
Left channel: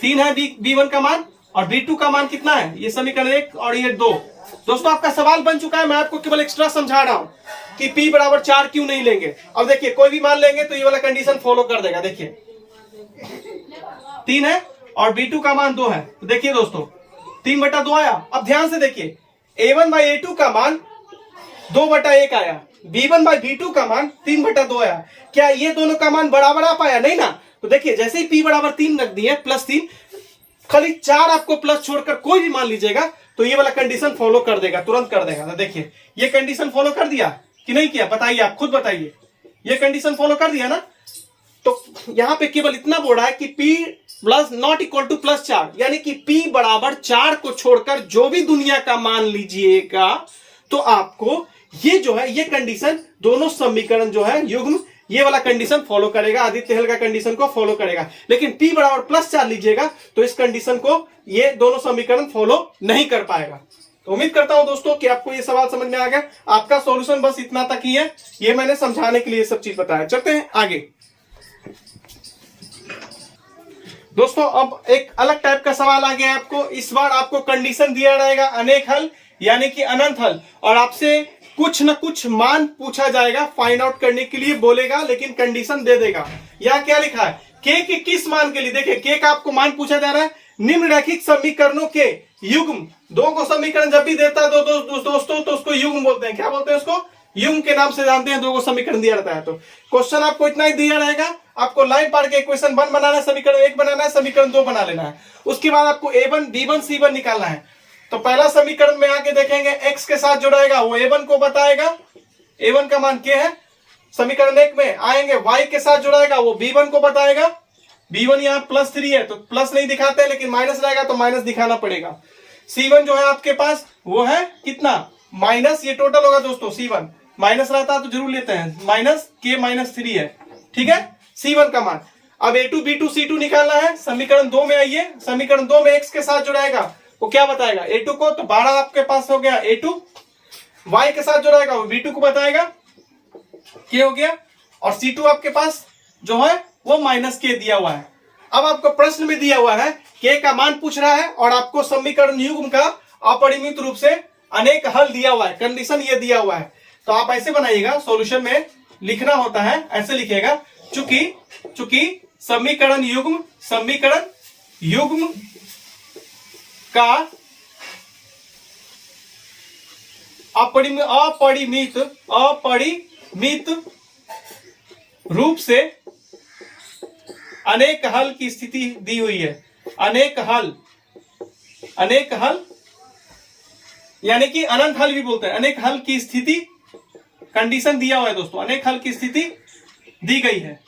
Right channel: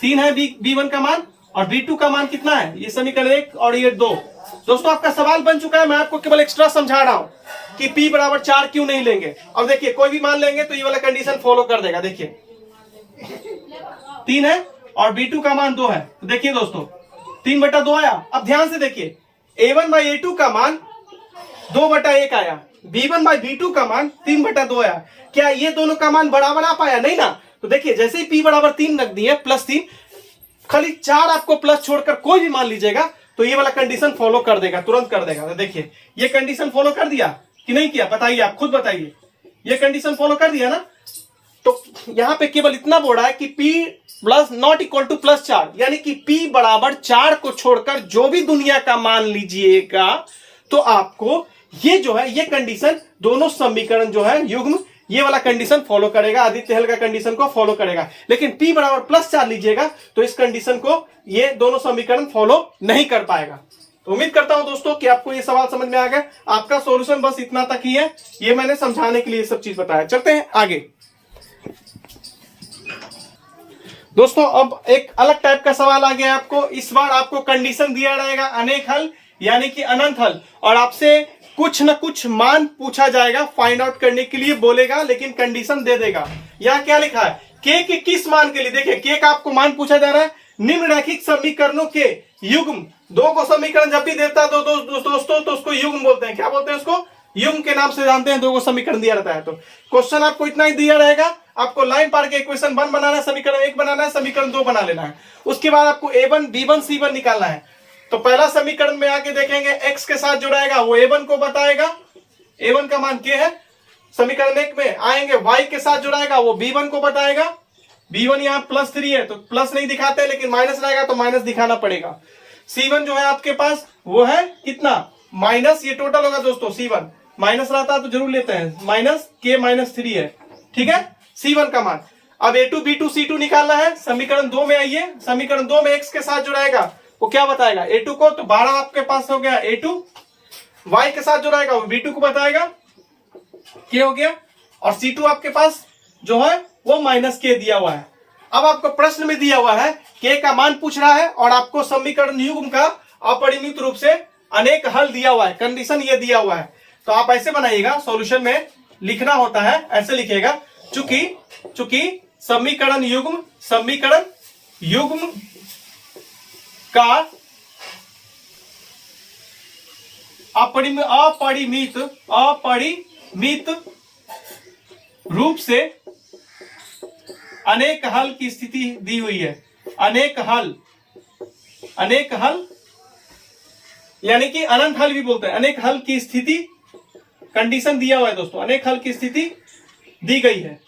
3 है b1 का मान और b2 का मान कितना है, ये समीकरण 1 और ये 2। दोस्तों आपका सवाल बन चुका है, मैं आपको केवल एक्स्ट्रा समझा रहा हूं कि p बराबर 4 क्यों नहीं लेंगे। अब देखिए कोई भी मान लेंगे तो ये वाला कंडीशन फॉलो कर देगा। देखिए 3 है और b2 का मान 2 है, तो देखिए दोस्तों 3/2 आया। अब ध्यान से देखिए a1/a2 का मान 2/1 आया, b1/b2 का मान 3/2 आया। क्या ये दोनों का मान बराबर आ पाया, नहीं ना। तो देखिए जैसे ही p बराबर 3 रख दिए, +3, खाली 4 आपको प्लस छोड़कर कोई भी मान लीजिएगा तो ये वाला कंडीशन फॉलो कर देगा, तुरंत कर देगा। तो देखिए ये कंडीशन फॉलो कर दिया कि नहीं किया, बताइए आप खुद बताइए। ये कंडीशन फॉलो कर दिया ना। तो यहां पे केवल इतना बोल रहा है कि p plus not equal to +4, यानी कि p बराबर 4 को छोड़कर जो भी दुनिया का मान लीजिएगा तो आपको ये जो है ये कंडीशन, दोनों समीकरण जो है युग्म, ये वाला कंडीशन फॉलो करेगा, आदित्य हल का कंडीशन को फॉलो करेगा। लेकिन p बराबर +4 लीजिएगा तो इस कंडीशन को ये दोनों समीकरण फॉलो नहीं कर पाएगा। तो उम्मीद करता हूं दोस्तों कि आपको ये सवाल समझ में आ गया। आपका सॉल्यूशन बस इतना तक ही है, ये मैंने समझाने के लिए सब चीज बताया। चलते हैं आगे। दोस्तों अब एक अलग टाइप का सवाल आ गया आपको। इस बार आपको कंडीशन दिया रहेगा अनेक हल यानी कि अनंत हल, और आपसे कुछ न कुछ मान पूछा जाएगा, फाइंड आउट करने के लिए बोलेगा, लेकिन कंडीशन दे देगा। यहाँ क्या लिखा है, k के किस मान के लिए, देखिए k का आपको मान पूछा जा रहा है। निम्नलिखित समीकरणों के युग्म, दो को समीकरण जब भी देता है तो दोस्तों तो उसको युग्म बोलते हैं। क्या बोलते हैं उसको, युग्म के नाम से जानते हैं। दो को समीकरण दिया रहता है तो क्वेश्चन आपको इतना ही दिया रहेगा। आपको लाइन पार के इक्वेशन 1 बनाना है, समीकरण 1 बनाना है, समीकरण 2 बना लेना है। उसके बाद आपको a1 b1 c1 निकालना है। तो पहला समीकरण में आके देखेंगे x के साथ जो रहेगा वो a1 को बताएगा, a1 का मान k है। समीकरण 1 में आएंगे y के साथ जो रहेगा वो b1 को बताएगा, b1 यहाँ +3 है तो प्लस नहीं दिखाते, लेकिन माइनस रहेगा तो माइनस दिखाना पड़ेगा। c1 जो है आपके पास वो है कितना, माइनस, ये टोटल होगा दोस्तों। c1 माइनस रहता है तो जरूर लेते हैं, -k-3 है, ठीक है c1 का मान। अब a2 b2 c2 निकालना है। समीकरण 2 में आइए, समीकरण 2 में x के साथ जो रहेगा वो क्या बताएगा, a2 को, तो 12 आपके पास हो गया a2। y के साथ जो रहेगा वो b2 को बताएगा, k हो गया। और c2 आपके पास जो है वो -k दिया हुआ है। अब आपको प्रश्न में दिया हुआ है k का मान पूछ रहा है और आपको समीकरण युग्म का अपरिमित रूप से अनेक हल दिया हुआ है, कंडीशन ये दिया हुआ है। तो आप ऐसे बनाइएगा, सॉल्यूशन में लिखना होता है, ऐसे लिखिएगा, चूंकि समीकरण युग्म का अपरिमित रूप से अनेक हल की स्थिति दी हुई है। अनेक हल यानी कि अनंत हल भी बोलते हैं। अनेक हल की स्थिति, कंडीशन दिया हुआ है दोस्तों, अनेक हल की स्थिति दी गई है।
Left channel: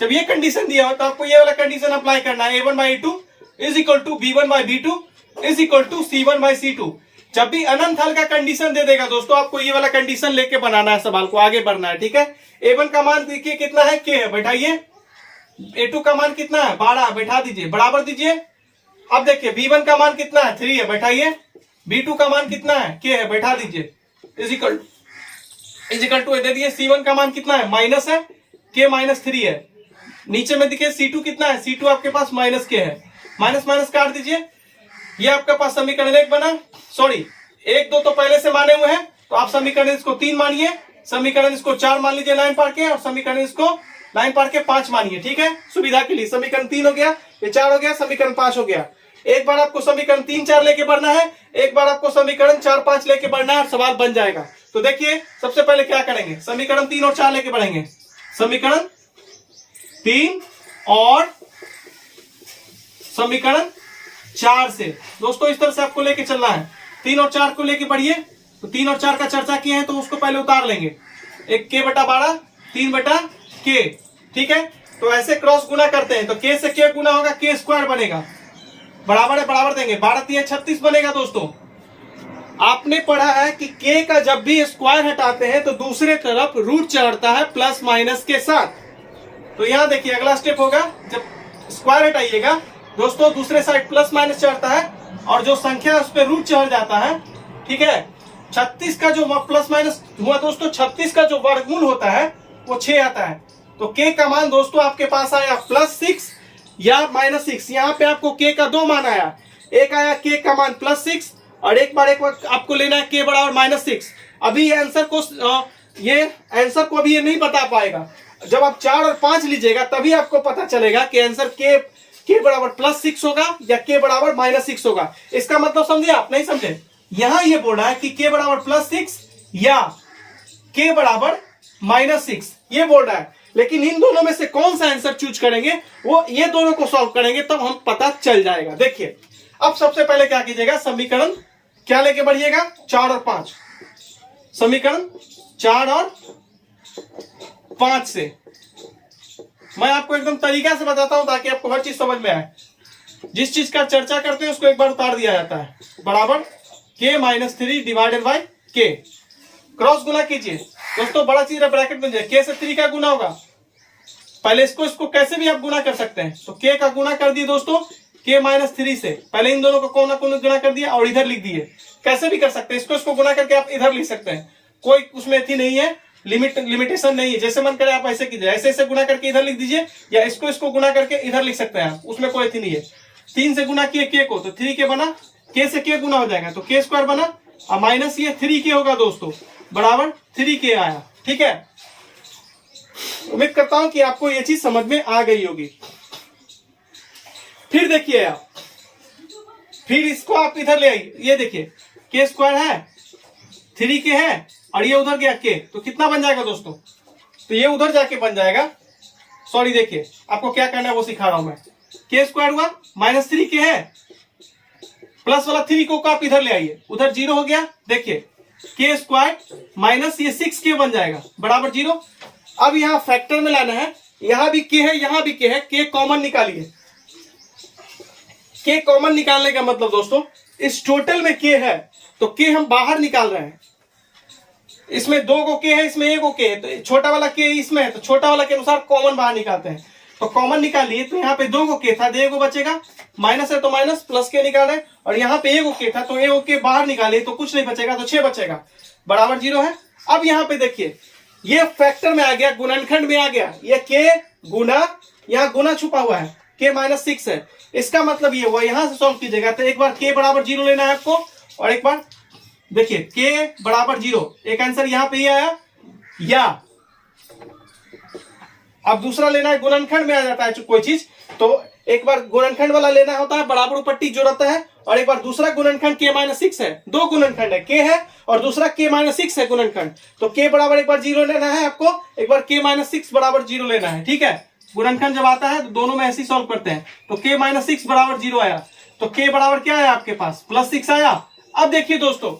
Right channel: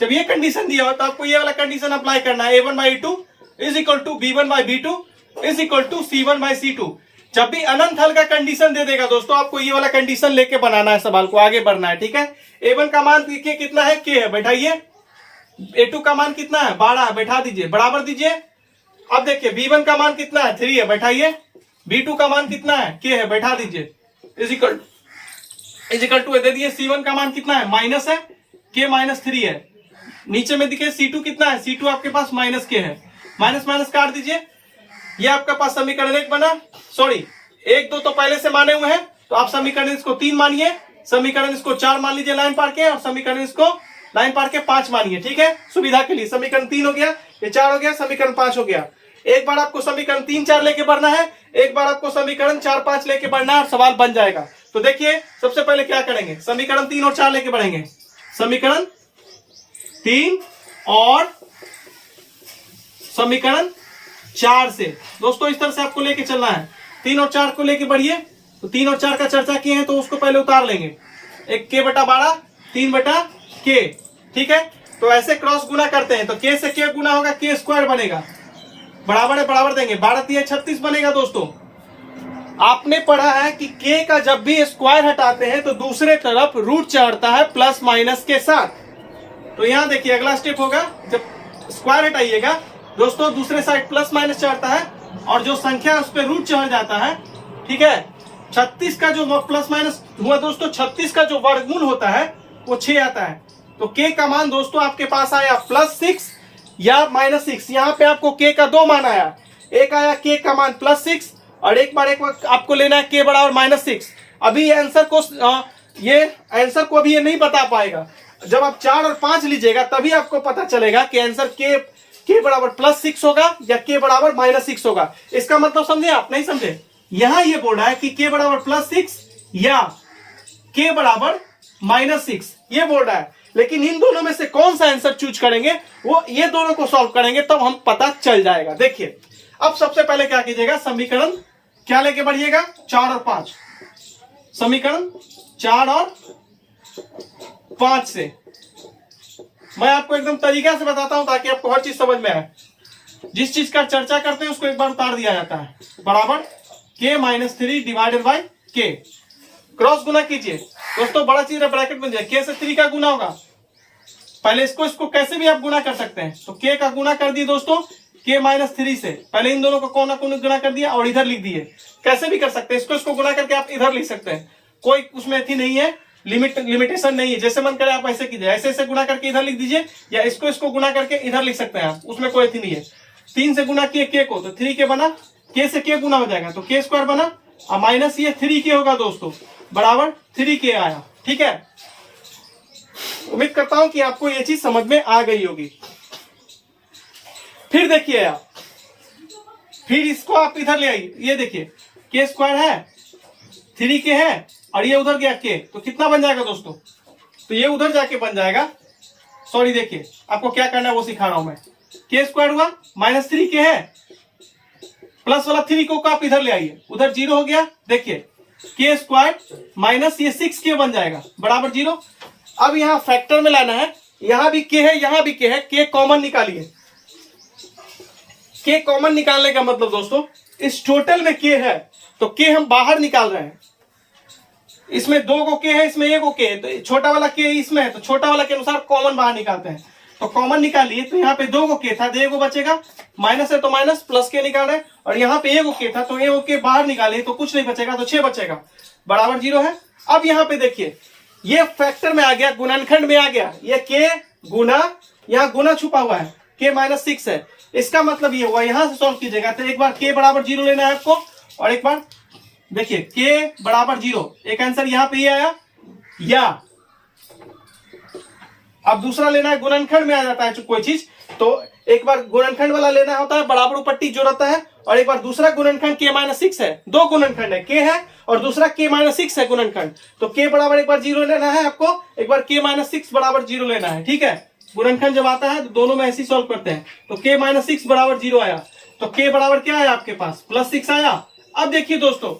जब ये कंडीशन दिया हुआ तो आपको ये वाला कंडीशन अप्लाई करना है, a1/a2 = b1/b2 = c1/c2। जब भी अनंत हल का कंडीशन दे देगा दोस्तों, आपको ये वाला कंडीशन लेके बनाना है, सवाल को आगे बढ़ना है, ठीक है। a1 का मान देखिए कितना है, k है, बैठाइए। a2 का मान कितना है, 12, बैठा दीजिए, बराबर दीजिए। अब देखिए b1 का मान कितना है, 3 है, बैठाइए। b2 का मान कितना है, k है, बैठा दीजिए। इजिकल टू दे दिए। c1 का मान कितना है, माइनस है, k -3 है। नीचे में देखिए c2 कितना है, c2 आपके पास -k है, माइनस माइनस काट दीजिए। ये आपके पास समीकरण 1 बना, सॉरी 1 2 तो पहले से माने हुए हैं, तो आप समीकरण इसको 3 मानिए, समीकरण इसको 4 मान लीजिए लाइन पार के, और समीकरण इसको लाइन पार के 5 मानिए, ठीक है, सुविधा के लिए। समीकरण 3 हो गया, ये 4 हो गया, समीकरण 5 हो गया। एक बार आपको समीकरण 3 4 लेके बढ़ना है, एक बार आपको समीकरण 4 5 लेके बढ़ना है, और सवाल बन जाएगा। तो देखिए सबसे पहले क्या करेंगे, समीकरण 3 और 4 लेके बढ़ेंगे। समीकरण 3 और समीकरण 4 से दोस्तों इस तरह से आपको लेके चलना है। 3 और 4 को लेके बढ़िए। तो 3 और 4 का चर्चा किए हैं तो उसको पहले उतार लेंगे। एक k बटा 12, 3 बटा k, ठीक है। तो ऐसे क्रॉस गुना करते हैं तो k से k गुना होगा, k स्क्वायर बनेगा, बराबर है बराबर देंगे, 12 3 36 बनेगा। दोस्तों आपने पढ़ा है कि k का जब भी स्क्वायर हटाते हैं तो दूसरे तरफ रूट चढ़ता है प्लस माइनस के साथ। तो यहां देखिए अगला स्टेप होगा, जब स्क्वायर हटाइएगा दोस्तों दूसरे साइड प्लस माइनस चढ़ता है और जो संख्या है उस पर रूट चढ़ जाता है, ठीक है। 36 का जो प्लस माइनस हुआ दोस्तों, 36 का जो वर्गमूल होता है वो 6 आता है। तो k का मान दोस्तों आपके पास आया +6 या -6। यहाँ पे आपको k का 2 मान आया, एक आया k का मान +6 और एक बार आपको लेना है k बराबर -6। अभी ये आंसर को अभी ये नहीं बता पाएगा, जब आप 4 और 5 लीजिएगा तभी आपको पता चलेगा कि आंसर k बराबर +6 होगा या k बराबर -6 होगा। इसका मतलब समझे आप, नहीं समझे? यहां ये बोल रहा है कि k बराबर +6 या k बराबर -6, ये बोल रहा है। लेकिन इन दोनों में से कौन सा आंसर चूज करेंगे, वो ये दोनों को सॉल्व करेंगे तब हम पता चल जाएगा। देखिए अब सबसे पहले क्या कीजिएगा, समीकरण क्या लेके बढ़िएगा, 4 और 5। समीकरण 4 और 5 से मैं आपको एकदम तरीका से बताता हूं ताकि आपको हर चीज समझ में आए। जिस चीज का चर्चा करते हैं उसको एक बार उतार दिया जाता है, बराबर k-3 divided by k। Cross गुना कीजिए दोस्तों, बड़ा चीज ब्रैकेट बन जाए, k से 3 का गुना होगा। पहले इसको कैसे भी आप गुना कर सकते हैं, तो k का गुना कर दिए दोस्तों k-3 से, पहले इन दोनों को कोना कोना गुना कर दिया और इधर लिख दिए। कैसे भी कर सकते हैं, इसको गुना करके आप इधर लिख सकते हैं, कोई उसमें थी नहीं है, लिमिटेशन नहीं है। जैसे मन करे आप ऐसे कीजिए, ऐसे गुना करके इधर लिख दीजिए, या इसको गुना करके इधर लिख सकते हैं आप, उसमें कोई थी नहीं है। 3 से गुना किए k को तो 3k बना, k से k गुना हो जाएगा तो k स्क्वायर बना, और माइनस ये 3k होगा दोस्तों, बराबर 3k आया, ठीक है। उम्मीद करता हूं कि आपको ये चीज समझ में आ गई होगी। फिर देखिए आप, फिर इसको आप इधर ले आइए, ये देखिए k स्क्वायर है, 3k है और ये उधर गया k, तो कितना बन जाएगा दोस्तों, तो ये उधर जाके बन जाएगा, सॉरी देखिए आपको क्या करना है वो सिखा रहा हूं मैं। k स्क्वायर हुआ, -3k है, प्लस वाला 3 को आप इधर ले आइए, उधर 0 हो गया। देखिए k स्क्वायर माइनस ये 6k बन जाएगा, बराबर 0। अब यहां फैक्टर में लाना है, यहां भी k है यहां भी k है, k कॉमन निकालिए। k कॉमन निकालने का मतलब दोस्तों, इस टोटल में k है तो k हम बाहर निकाल रहे हैं। इसमें 2 को k है, इसमें 1 को k है, तो छोटा वाला k इसमें है तो छोटा वाला के अनुसार कॉमन बाहर निकालते हैं। तो कॉमन निकालिए, तो यहाँ पे 2 को k था तो 1 को बचेगा, माइनस है तो माइनस, प्लस k निकाल रहे हैं, और यहाँ पे 1 को k था तो 1 को k बाहर निकालिए तो कुछ नहीं बचेगा, तो 6 बचेगा, बराबर 0 है। अब यहाँ पे देखिए ये फैक्टर में आ गया, गुणनखंड में आ गया, ये k गुना, यहाँ गुना छुपा हुआ है, k-6 है। इसका मतलब ये हुआ, यहां से सॉल्व कीजिएगा तो एक बार k बराबर 0 लेना है आपको, और एक बार देखिए k बराबर 0, एक आंसर यहाँ पे ये आया, या अब दूसरा लेना है, गुणनखंड में आ जाता है कोई चीज, तो एक बार गुणनखंड वाला लेना होता है, बराबर पट्टी जो रहता है, और एक बार दूसरा गुणनखंड k-6 है, 2 गुणनखंड है, k है और दूसरा k-6 है गुणनखंड, तो k बराबर एक बार 0 लेना है आपको, एक बार k-6 बराबर 0 लेना है, ठीक है। गुणनखंड जब आता है तो दोनों में ऐसे सॉल्व करते हैं, तो k-6 बराबर 0 आया, तो k बराबर क्या आया आपके पास, +6 आया। अब देखिए दोस्तों,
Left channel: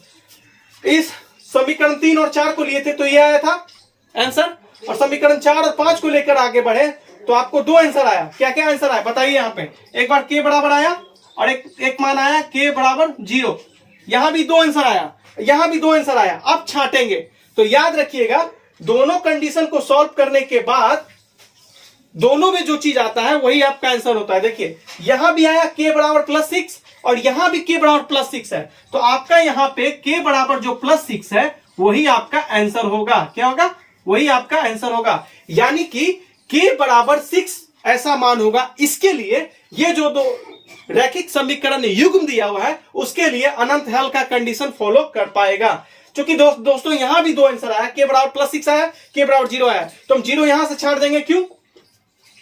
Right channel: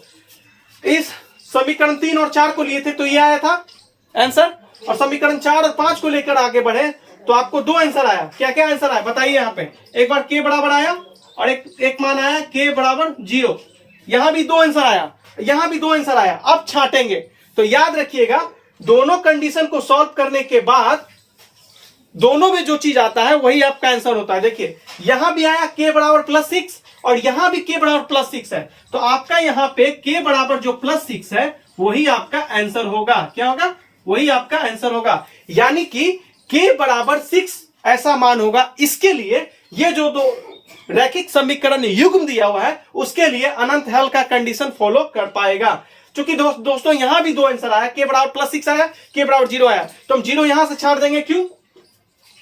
इस समीकरण 3 और 4 को लिए थे तो ये आया था आंसर, और समीकरण 4 और 5 को लेकर आगे बढ़े तो आपको 2 आंसर आया। क्या क्या आंसर आया बताइए, यहाँ पे एक बार k बराबर आया और एक मान आया k बराबर 0, यहां भी 2 आंसर आया, यहां भी 2 आंसर आया। अब छाटेंगे तो याद रखिएगा, दोनों कंडीशन को सॉल्व करने के बाद दोनों में जो चीज आता है वही आपका आंसर होता है। देखिए यहां भी आया k बराबर +6 और यहां भी k बराबर +6 है, तो आपका यहां पे k बराबर जो +6 है वही आपका आंसर होगा। क्या होगा, वही आपका आंसर होगा, यानी कि k बराबर 6 ऐसा मान होगा। इसके लिए ये जो दो रैखिक समीकरण युग्म दिया हुआ है उसके लिए अनंत हल का कंडीशन फॉलो कर पाएगा। क्योंकि दोस्तों यहां भी 2 आंसर आया, k बराबर +6 आया, k बराबर 0 आया, तो हम 0 यहां से छाड़ देंगे, क्यों,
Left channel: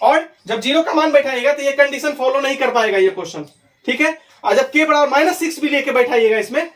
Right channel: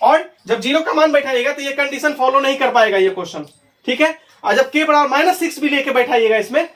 और जब 0 का मान बैठाइएगा तो ये कंडीशन फॉलो नहीं कर पाएगा ये क्वेश्चन, ठीक है। और जब k बराबर -6 भी लेके बैठाइएगा इसमें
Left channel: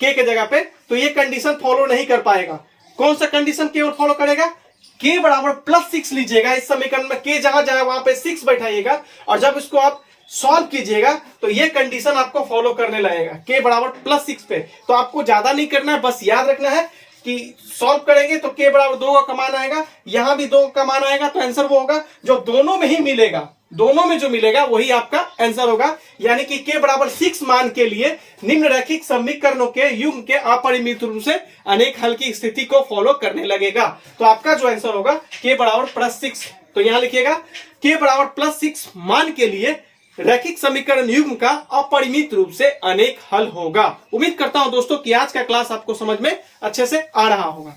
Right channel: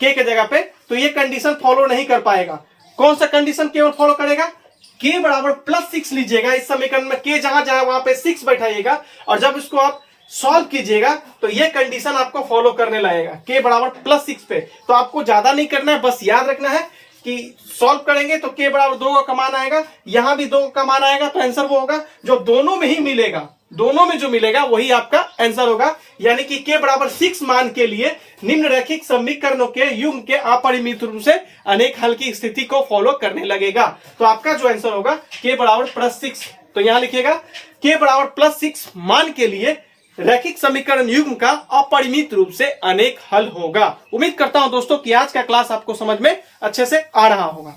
k के जगह पे, तो ये कंडीशन फॉलो नहीं कर पाएगा। कौन सा कंडीशन केवल फॉलो करेगा, k बराबर +6 लीजिएगा, इस समीकरण में k जहां जहां वहां पे 6 बैठाइएगा, और जब इसको आप सॉल्व कीजिएगा तो ये कंडीशन आपको फॉलो करने लगेगा, k बराबर +6 पे। तो आपको ज्यादा नहीं करना है, बस याद रखना है कि सॉल्व करेंगे तो k बराबर 2 का मान आएगा, यहां भी 2 का मान आएगा, तो आंसर वो होगा जो दोनों में ही मिलेगा, दोनों में जो मिलेगा वही आपका आंसर होगा। यानी कि k बराबर 6 मान के लिए निम्न रैखिक समीकरणों के युग्म के अपरिमित रूप से अनेक हल की स्थिति को फॉलो करने लगेगा। तो आपका जो आंसर होगा k बराबर +6, तो यहां लिखिएगा k बराबर +6 मान के लिए रैखिक समीकरण युग्म का अपरिमित रूप से अनेक हल होगा। उम्मीद करता हूं दोस्तों कि आज का क्लास आपको समझ में अच्छे से आ रहा होगा।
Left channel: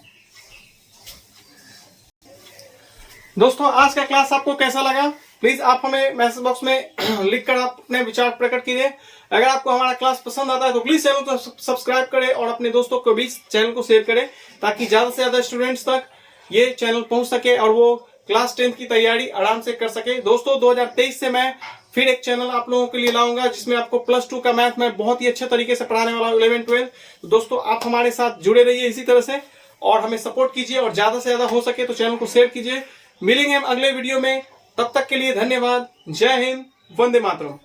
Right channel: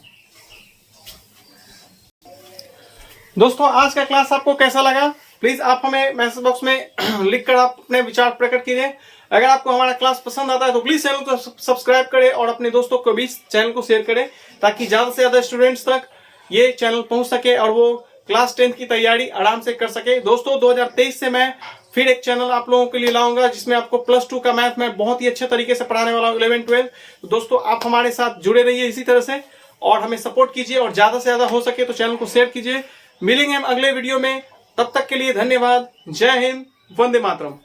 दोस्तों आज का क्लास आपको कैसा लगा, प्लीज आप हमें मैसेज बॉक्स में लिखकर आप अपने विचार प्रकट कीजिए। अगर आपको हमारा क्लास पसंद आता है तो प्लीज चैनल को सब्सक्राइब करें और अपने दोस्तों को भी चैनल को शेयर करें, ताकि ज्यादा से ज्यादा स्टूडेंट्स तक ये चैनल पहुंच सके और वो क्लास 10 की तैयारी आराम से कर सके। दोस्तों 2023 से मैं फिर एक चैनल आप लोगों के लिए लाऊंगा जिसमें आपको +2 का मैथ में बहुत ही अच्छे तरीके से पढ़ाने वाला हूं, 11 12। तो दोस्तों आप हमारे साथ जुड़े रहिए इसी तरह से और हमें सपोर्ट कीजिए, और ज्यादा से ज्यादा हो सके तो चैनल को शेयर कीजिए। मिलेंगे हम अगले वीडियो में, तब तक के लिए धन्यवाद। जय हिंद, वंदे मातरम।